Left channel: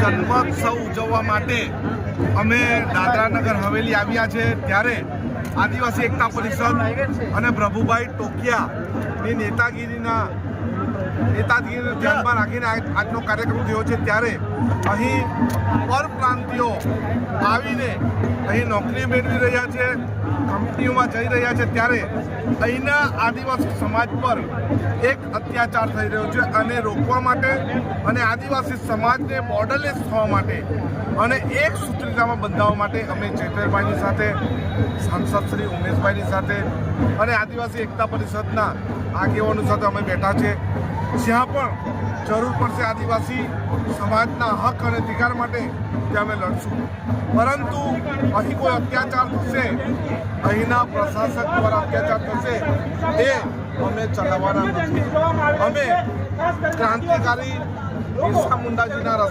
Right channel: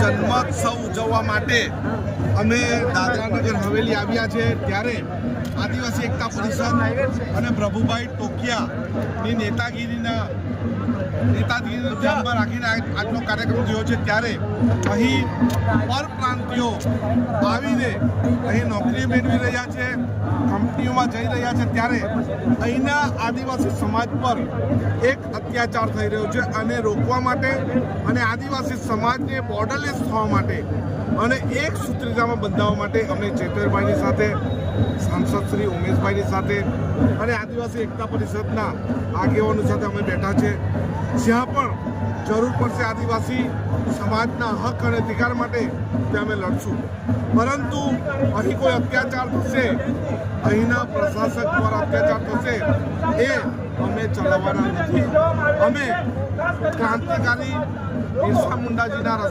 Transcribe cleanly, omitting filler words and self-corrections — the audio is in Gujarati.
જન્મોત્સવ ઉજવવા માટે અમે દાદરાનગર હવેલી આવ્યા છે, ત્યારે આદિવાસી એકતા પરિષદ અને પ્રભુભાઈ ટોકિયાની નેતાગીરીને ધ્યાનમાં રાખીને આજનો કાર્યક્રમ થયો છે। ત્યારે અહીં પરપ્રાંતિયો આવીને અહીં નોકરી મેળવી રહ્યા છે, કંપનીઓમાં જઈ રહ્યા છે, ત્યારે અહીંના આદિવાસી સમાજ પર એક અત્યાચાર થઈ રહ્યો છે અને રોકવા માટે અને આદિવાસી સમાજને બોર્ડરલેસ થવા માટે અને એક સૂત્રતામાં બંધાવવા માટે અમે ચેતરભાઈની સાથે, સાંસદ શ્રી ઉમેશભાઈની સાથે અને આદિવાસી એકતા પરિષદના આગેવાનો સાથે અમે બેઠા છે। જ્યાં પણ જરૂર પડશે આદિવાસી સમાજના હક અને અધિકાર માટે ત્યાં અમે લડશું, પરંતુ અહીં કોઈ અત્યાચાર થશે, અહીંના પ્રશાસક દ્વારા અત્યાચાર થશે એ અમે ચલાવવાના નથી। અમે ક્રાંતિકારી બિરસા મુંડાજીના રસ્તે